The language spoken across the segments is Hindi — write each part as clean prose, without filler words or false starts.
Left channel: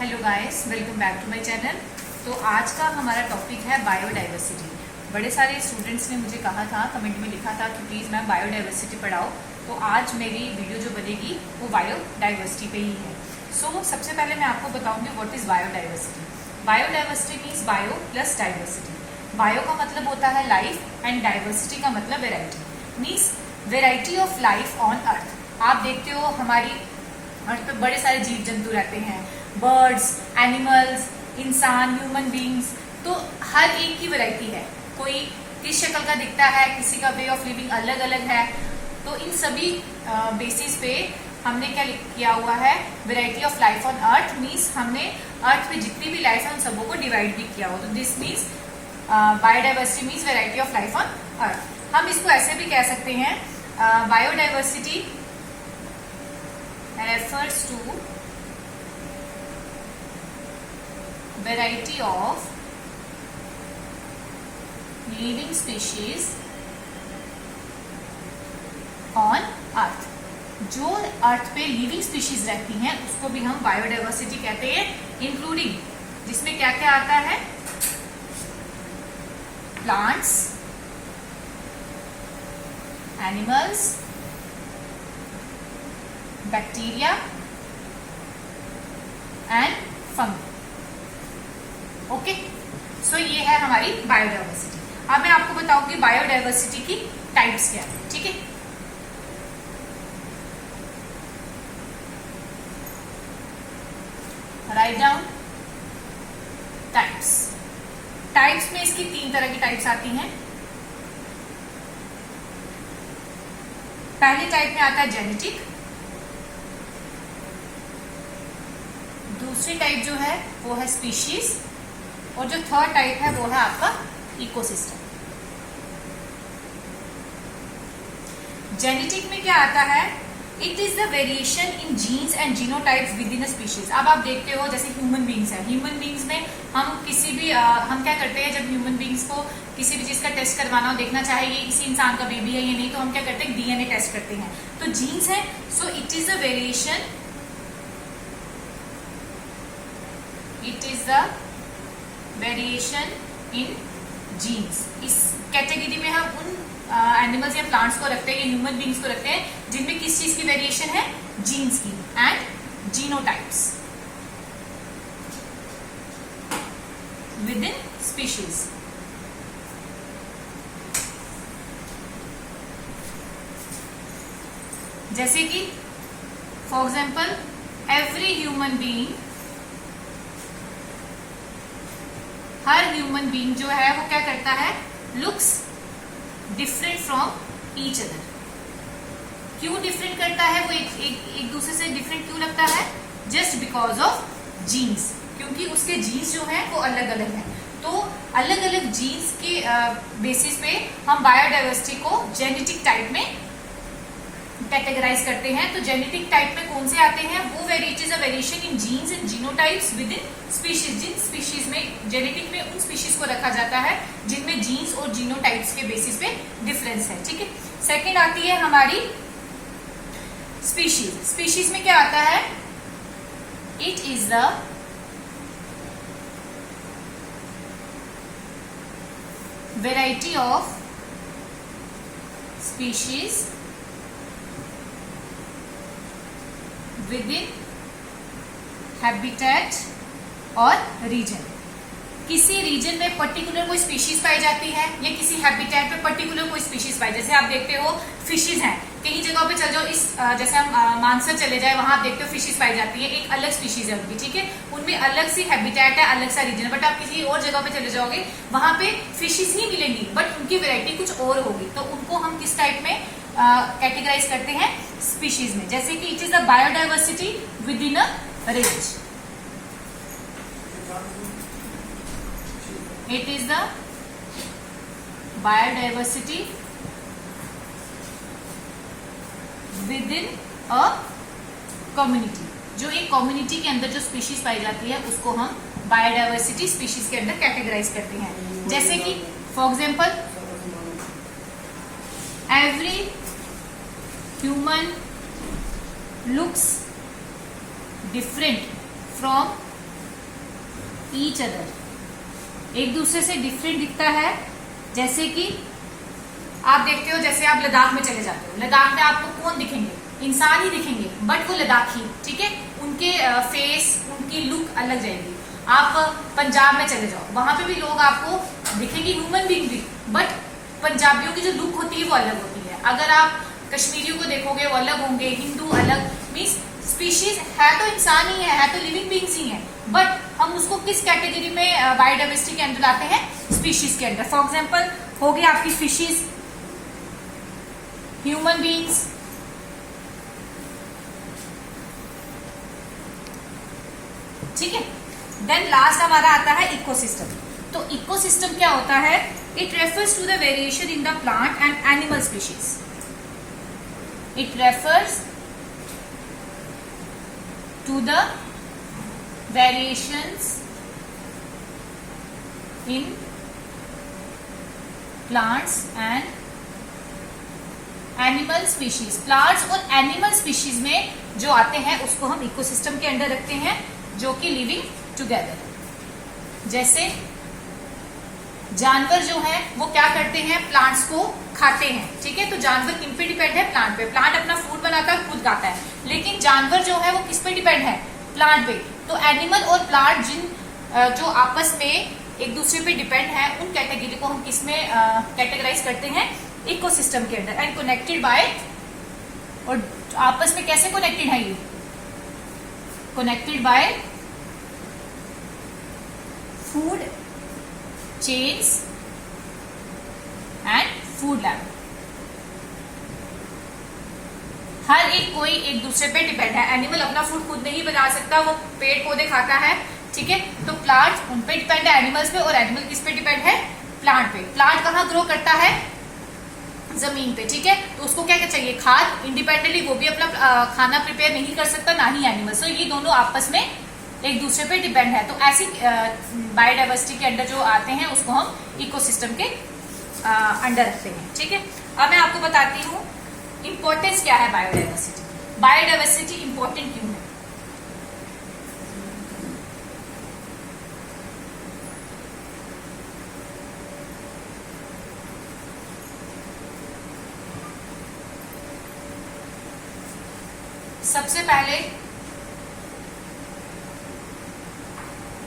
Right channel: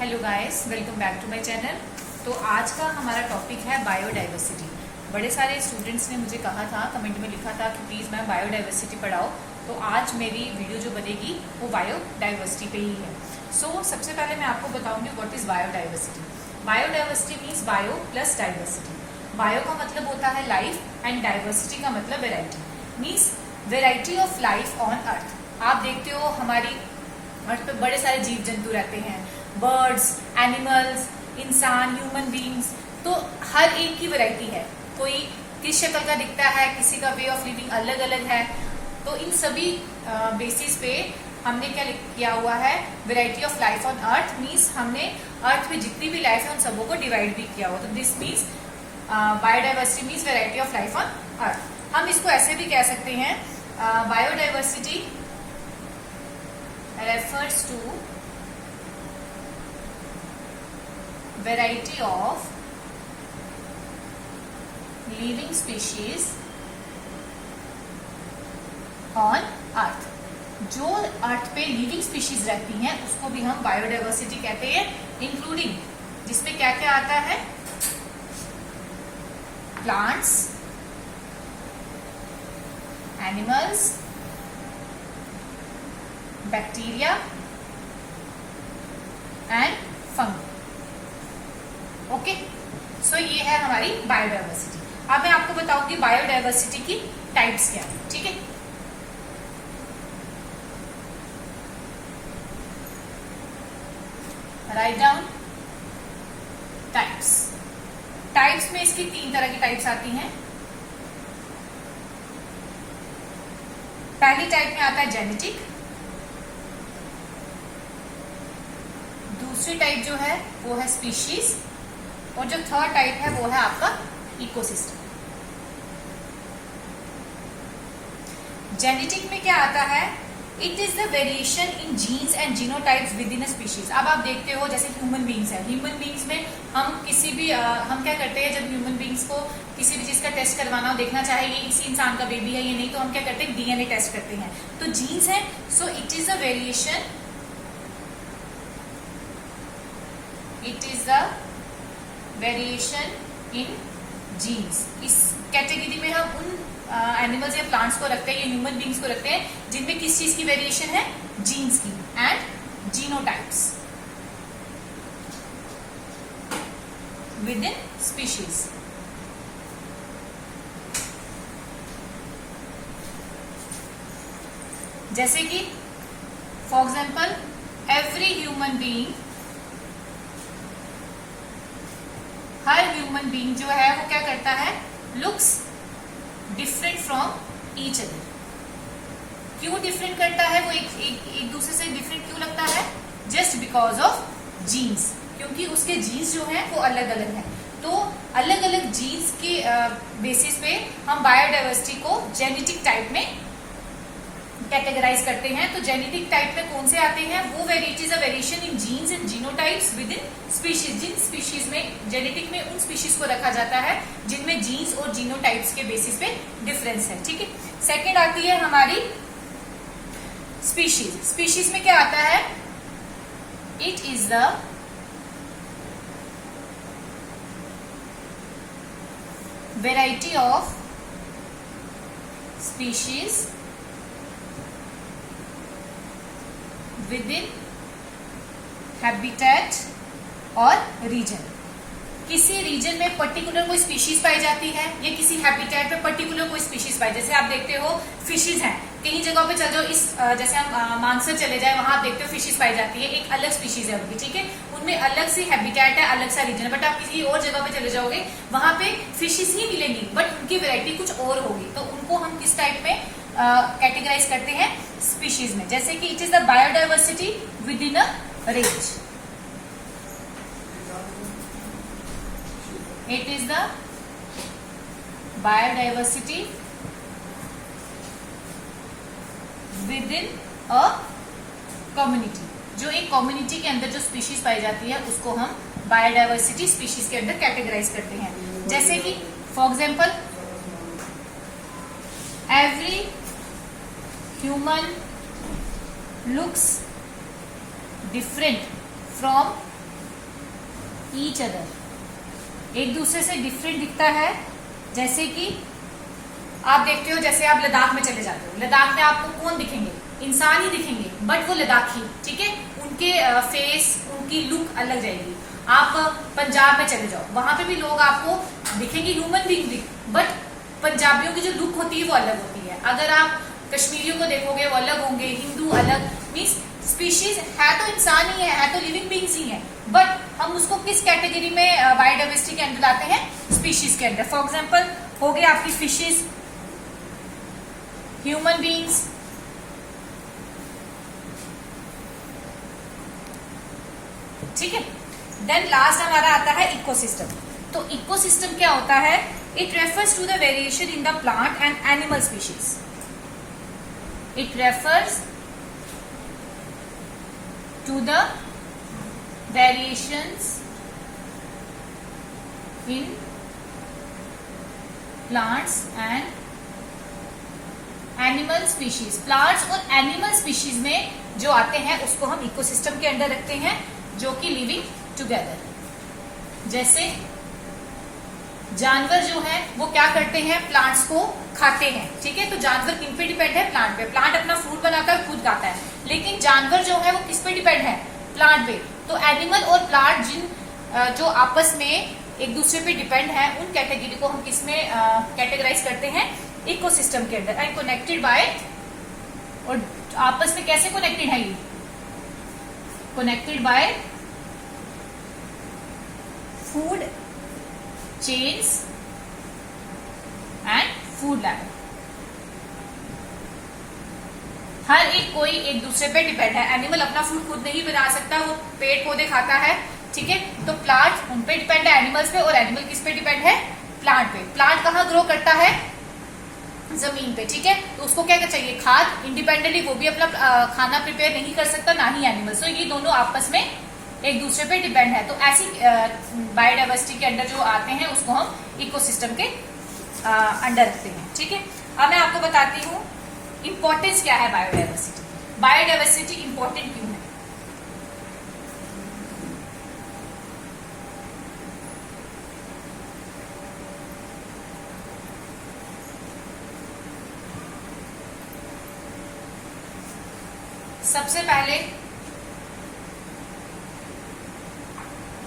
Hello guys, welcome back to my channel. तो आज का हमारा टॉपिक है बायोडाइवर्सिटी। बड़े सारे स्टूडेंट्स ने मुझे कहा था, कमेंट में लिखा था कि प्लीज मैम बायोडाइवर्सिटी पढ़ाओ। तो आज मेरी वीडियो जो बनेगी वो बायोडाइवर्सिटी पे ही है। सो सबसे पहले मैं आपको बताऊंगी what is biodiversity. Biodiversity means bio plus diversity. Bio का मतलब होता है लाइफ एंड डाइवर्सिटी का मतलब variety, means variety of life on earth. आप देखते हो हमारी अर्थ पे बड़े सारे जीव जंतु रहते हैं, बर्ड्स, एनिमल्स, इंसान, ह्यूमन बींग्स। तो हर एक की वैरायटी है। कोई किस शक्ल का दिखता है, किसी का वे ऑफ लिविंग अलग अलग है। तो इन सभी बेसिस पे हमने क्या किया हुआ है, variety of life on earth means हमने अर्थ पे जितनी भी लाइफ है उन सबों को डिवाइड भी किया हुआ। तो this means biodiversity means variety of life on earth. हम इसको ऐसे भी कह सकते हैं, biodiversity refers to variety of living species on earth। जो अर्थ पे लिविंग स्पीशीज रहती हैं उसको भी हम बायोडाइवर्सिटी कहते हैं, इंक्लूडिंग जिसमें क्या क्या आता है, plants, animals, bacteria and fungi. Okay, so ये है हमारी बायोडाइवर्सिटी। अब मैं आपको बताऊंगी बायोडाइवर्सिटी की टाइप्स क्या है। ठीक है, राइट डाउन टाइप्स। टाइप्स में इसकी 3 तरह की टाइप्स आती हैं। पहली टाइप में आता है जेनेटिक, दूसरी टाइप जो है वो है स्पीशीज, और जो थर्ड टाइप है वो है आपका इकोसिस्टम। जेनेटिक में क्या आता है, it is the variation in genes and genotypes within a species. अब आप देखते हो जैसे ह्यूमन बींग्स है, ह्यूमन बींग्स में हम किसी भी हम क्या करते हैं, जब ह्यूमन बींग्स को किसी भी चीज का टेस्ट करवाना हो, देखना चाहे ये किसी इंसान का बेबी है या नहीं, तो हम क्या करते हैं, डीएनए टेस्ट करते हैं। तो जीन्स है, so it is the variation, it is the variation in genes. इस कैटेगरी में हम उन एनिमल्स या प्लांट्स को रखते हैं या ह्यूमन बींग्स को रखते हैं जिनमें किस चीज की वेरिएशन है, जीन्स की, and genotypes within species. जैसे कि for example every human being, her human being जो है वो क्या करता है, looks different from each other. क्यों डिफरेंट करता है वो, एक दूसरे से डिफरेंट क्यों लगता है, जस्ट बिकॉज ऑफ जीन्स, क्योंकि उसके जीन्स जो है वो अलग अलग हैं। तो अलग अलग जीन्स के बेसिस पे हम बायोडाइवर्सिटी को जेनेटिक टाइप में कैटेगराइज करते हैं। तो जेनेटिक टाइप में कौन से आते हैं, वो वेरिएटीज है variation in genes and genotypes within species. जिन स्पीशीज में जेनेटिक में उन स्पीशीज को रखा जाता है जिनमें जीन्स और जीनोटाइप्स के बेसिस पे डिफरेंस है। ठीक है, सेकेंड आती है हमारी स्पीशीज। स्पीशीज में क्या आता है, it is the variety of species with in habitat और रीजन। किसी रीजन में पर्टिकुलर कोई स्पीशीज पाई जाती है या किसी हैबिटेट में पर्टिकुलर कोई स्पीशीज पाई। जैसे आप देखते हो फिशेज हैं, कहीं जगहों पे चल जाओ, इस जैसे हम मानसर चले जाए, वहां आप देखते हो फिशेज पाई जाती है, एक अलग स्पीशीज है उनकी। ठीक है, उनमें अलग सी हैबिटेट है, अलग सा रीजन है। बट आप किसी और जगह पे चले जाओगे, वहां पे फिशेज ही मिलेंगी बट उनकी वैरायटी कुछ और होगी। तो उनको हम किस टाइप में कैटेगराइज करते हैं, स्पीशीज में। जैसे कि it is the biodiversity with in a range, it is the biodiversity with in a community. जो एक कम्युनिटी के अंदर जो स्पीशीज पाई जाती है उसको हम बायोडाइवर्सिटी स्पीशीज के अंदर कैटेगराइज करते हैं। जैसे कि for example every human looks different from each other, एक दूसरे से डिफरेंट दिखता है। जैसे कि आप देखते हो, जैसे आप लद्दाख में चले जाते हो, लद्दाख में आपको कौन दिखेंगे? इंसान ही दिखेंगे, बट वो लद्दाखी, ठीक है, उनके फेस, उनकी लुक अलग जाएगी। आप पंजाब में चले जाओ, वहां पे भी लोग आपको दिखेंगे ह्यूमन बीइंग भी, बट पंजाबियों की जो लुक होती है वो अलग होती है। अगर आप कश्मीरियों को देखोगे वो अलग होंगे, हिंदू अलग, मीन्स स्पीशीज है तो इंसान ही है तो लिविंग बींग्स ही है, बट हम उसको किस कैटेगरी में बायोडाइवर्सिटी के अंदर लाते हैं? स्पीशीज के अंदर। फॉर एग्जाम्पल हो गई आपकी फिशेज, ह्यूमन बींग्स, ठीक है। देन लास्ट हमारा आता है इकोसिस्टम। तो इकोसिस्टम क्या होता है? It refers to the variation in the plant and animal species. It refers to the variations in plants and animal species। Plants और एनिमल स्पीशीज में जो आते हैं उसको हम इकोसिस्टम के अंदर रखते हैं, जो कि लिविंग टुगेदर। जैसे जानवर जो है वो क्या करते हैं? प्लांट्स को खाते हैं, ठीक है। तो जानवर किन पे डिपेंड है? प्लांट पे। प्लांट अपना फूड बनाकर खुद खाता है, लेकिन जानवर जो है वो किस पे डिपेंड है? प्लांट पे। तो एनिमल और प्लांट जो आपस में एक दूसरे पे डिपेंड है, उन कैटेगरी को हम किस में कैटेगराइज करते हैं? इकोसिस्टम के अंदर। एंड कनेक्टेड बाय, और आपस में कैसे कनेक्टेड है ये? Connected by food chains and food lab. हर एक कोई एक दूसरे पे डिपेंड है। एनिमल अपना फूड खुद नहीं बना सकता, वो पेड़ पौधे खाता है, ठीक है। तो प्लांट उन पे डिपेंड है, एनिमल्स पे, और एनिमल किस पे डिपेंड है? प्लांट पे। प्लांट कहाँ ग्रो करता है? जमीन पे, ठीक है। तो उसको क्या चाहिए? खाद। इंडिपेंडेंटली वो भी अपना खाना प्रिपेयर नहीं कर सकता, ना ही एनिमल। सो ये दोनों आपस में एक दूसरे पे डिपेंड है। तो ऐसी बायोडाइवर्सिटी के अंदर जो आते हैं उसको हम इकोसिस्टम के अंडर रखते हैं, ठीक है। अब मैं आपको बताती हूँ इंपॉर्टेंस क्या है बायोडाइवर्सिटी। बायोडाइवर्सिटी इंपॉर्टेंट क्यों है? सबसे पहले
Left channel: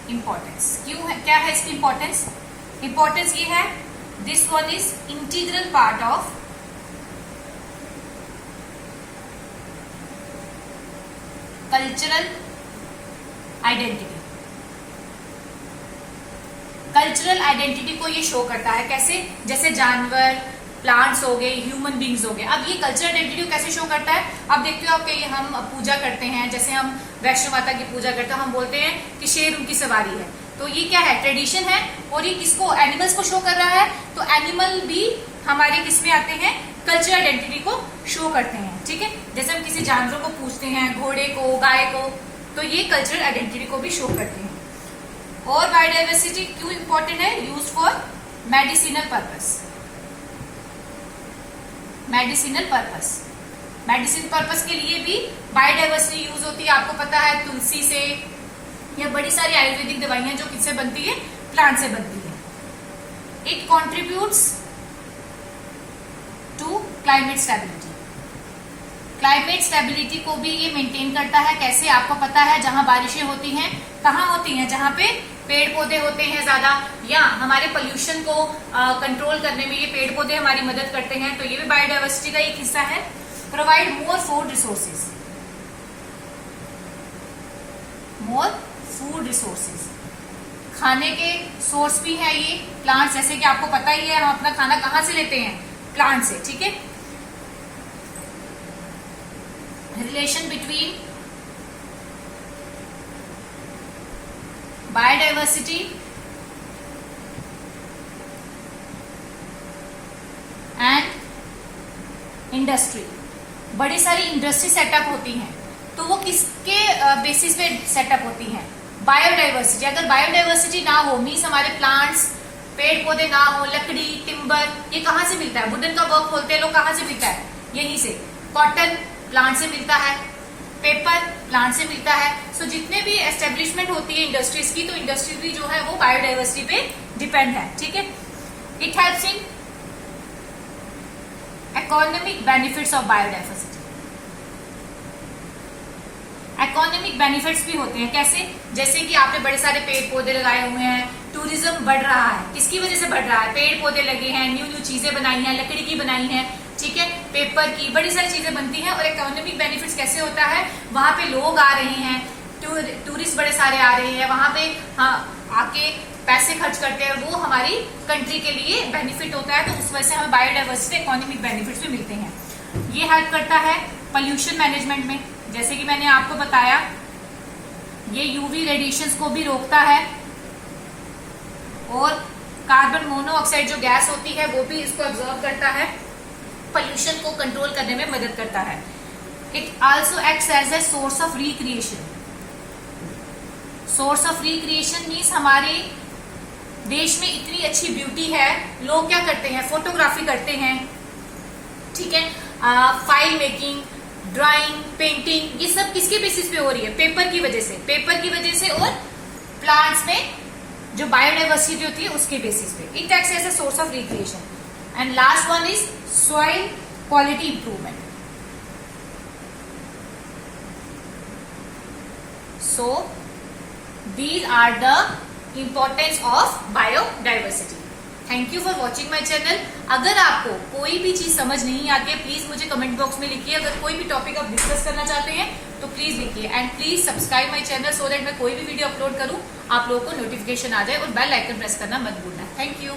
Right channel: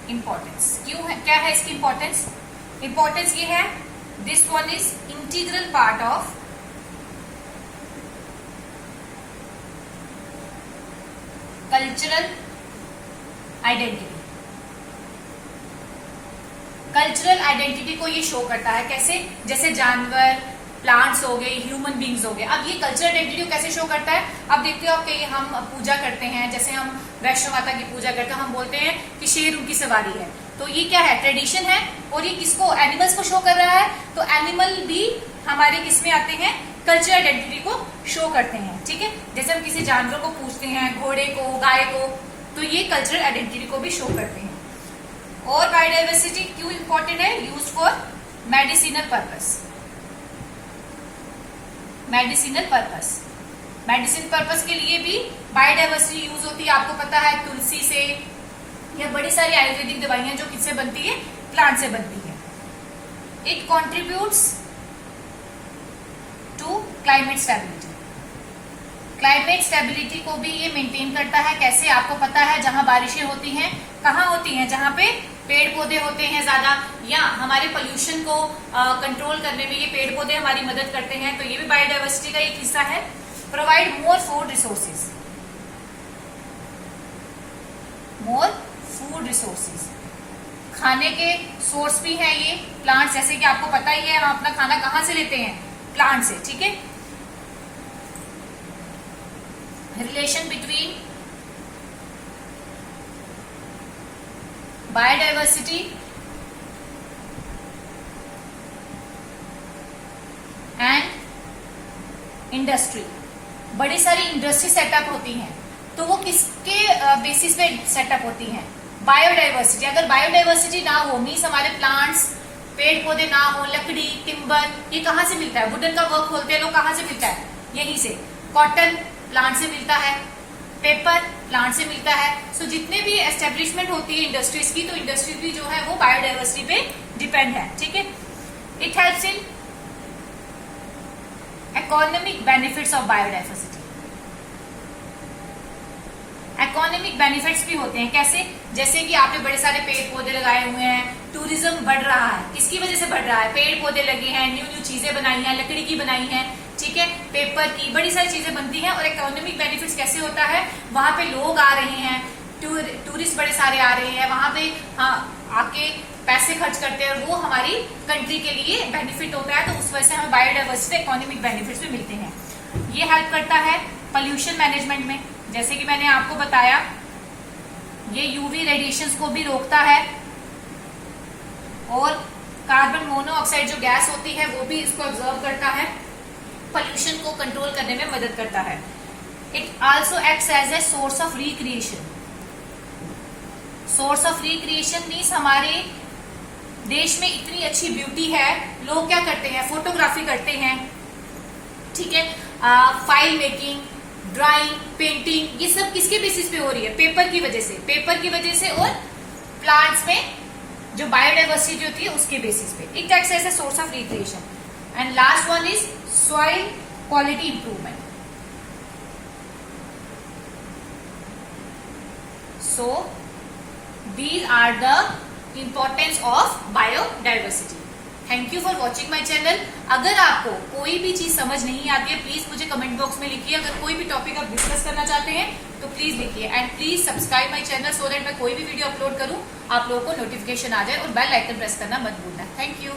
इंपॉर्टेंस क्यों है? क्या है इसकी इंपॉर्टेंस? इंपॉर्टेंस ये है, this one is integral part of cultural identity. Cultural identity को ये शो करता है। कैसे? जैसे जानवर, प्लांट्स हो गए, ह्यूमन बींग्स हो गए। अब ये कल्चरल आइडेंटिटी को कैसे शो करता है? अब देखते हो आपके हम पूजा करते हैं, जैसे हम वैष्णो माता की पूजा करते हैं, हम बोलते हैं कि शेर उनकी सवारी है। तो ये क्या है? ट्रेडिशन है, और ये किसको? एनिमल्स को शो कर रहा है। तो एनिमल भी हमारे किस में आते हैं? कल्चरल आइडेंटिटी को शो करते हैं, ठीक है। जैसे हम किसी जानवर को पूछते हैं, घोड़े को, गाय को, तो ये कल्चरल आइडेंटिटी को भी शो करते हैं। और बायोडाइवर्सिटी क्यों इंपॉर्टेंट है? Use for medicinal purpose. Medicinal purpose, medicine purpose के लिए भी बायोडाइवर्सिटी यूज होती है। आपको पता है तुलसी से, या बड़ी सारी आयुर्वेदिक दवाइयां जो किससे बनती है? प्लांट से बनती है। It contributes to climate stability. Climate stability को भी ये मेंटेन करता है। कैसे? आपको पता है जहां बारिशें होती हैं, कहाँ होती हैं? जहां पे पेड़ पौधे होते हैं ज्यादा, या हमारे पोल्यूशन को कंट्रोल करने में ये पेड़ पौधे हमारी मदद करते हैं। तो ये भी बायोडाइवर्सिटी का एक हिस्सा है। Provide more food resources, more food resources, खाने के सोर्स भी है ये प्लांट। जैसे कि आपको पता ही है हम अपना खाना कहाँ से लेते हैं? प्लांट से, ठीक है। Relation between biodiversity and industry. बड़ी सारी इंडस्ट्री सेटअप होती हैं, तो वो किसके बेसिस पे सेटअप होती हैं? बायोडाइवर्सिटी। अगर बायोडाइवर्सिटी ना हो, मीन्स हमारे प्लांट्स, पेड़ पौधे ना हो, लकड़ी, टिम्बर, ये कहाँ से मिलता है? वुडन का वर्क खोलते हैं लोग, कहाँ से मिलता है? यहीं से। कॉटन प्लांट से मिलता है, पेपर प्लांट से मिलता है। सो जितने भी एस्टेब्लिशमेंट होती है इंडस्ट्रीज की, तो इंडस्ट्री भी जो है वो बायोडाइवर्सिटी पे डिपेंड है, ठीक है। It helps in economic benefits of biodiversity. Economic benefits भी होते हैं, कैसे? जैसे कि आपने बड़े सारे पेड़ पौधे लगाए हुए हैं, टूरिज्म बढ़ रहा है, किसकी वजह से बढ़ रहा है? पेड़ पौधे लगे हैं, न्यू न्यू चीजें बनाई हैं, लकड़ी की बनाई हैं, ठीक है, पेपर की, बड़ी सारी चीजें बनती हैं। और इकोनॉमिक बेनिफिट्स कैसे होता है? वहां पे लोग आ रहे हैं, टूरिस्ट बड़े सारे आ रहे हैं, वहां पे आके पैसे खर्च करते हैं, वो हमारी कंट्री के लिए बेनिफिट होता है। तो उस वजह से हमें बायोडाइवर्सिटी इकोनॉमिक बेनिफिट्स भी मिलते हैं। ये हेल्प करता है पोल्यूशन मैनेजमेंट में, जैसे कि मैंने आपको बताया, ये यूवी रेडिएशंस को भी रोकता है और कार्बन मोनोऑक्साइड जो गैस होती है वो भी इसको ऑब्जर्व करता है, पोल्यूशन को कंट्रोल करने में मदद करता है। It also acts as a source of recreation. Source of recreation means हमारे देश में इतनी अच्छी ब्यूटी है, लोग क्या करते हैं? फोटोग्राफी करते हैं, ठीक है, फाइल मेकिंग, ड्राइंग, पेंटिंग, ये सब किसके बेसिस पे हो रही है? पेपर की वजह से, पेपर की वजह से, और प्लांट्स में जो बायोडाइवर्सिटी होती है उसके बेसिस पे। It acts as a source of recreation. And last one is soil quality improvement. So these are the importance of biodiversity. Thank you for watching my channel. अगर आपको कोई भी चीज समझ नहीं आती है, प्लीज मुझे कमेंट बॉक्स में लिखिए। अगर कोई भी टॉपिक आप डिस्कस करना चाहते हैं तो प्लीज लिखिए, and please subscribe my channel so that मैं कोई भी वीडियो अपलोड करूं आप लोगों को नोटिफिकेशन आ जाए, और बेल आइकन प्रेस करना मत भूलना। Thank you.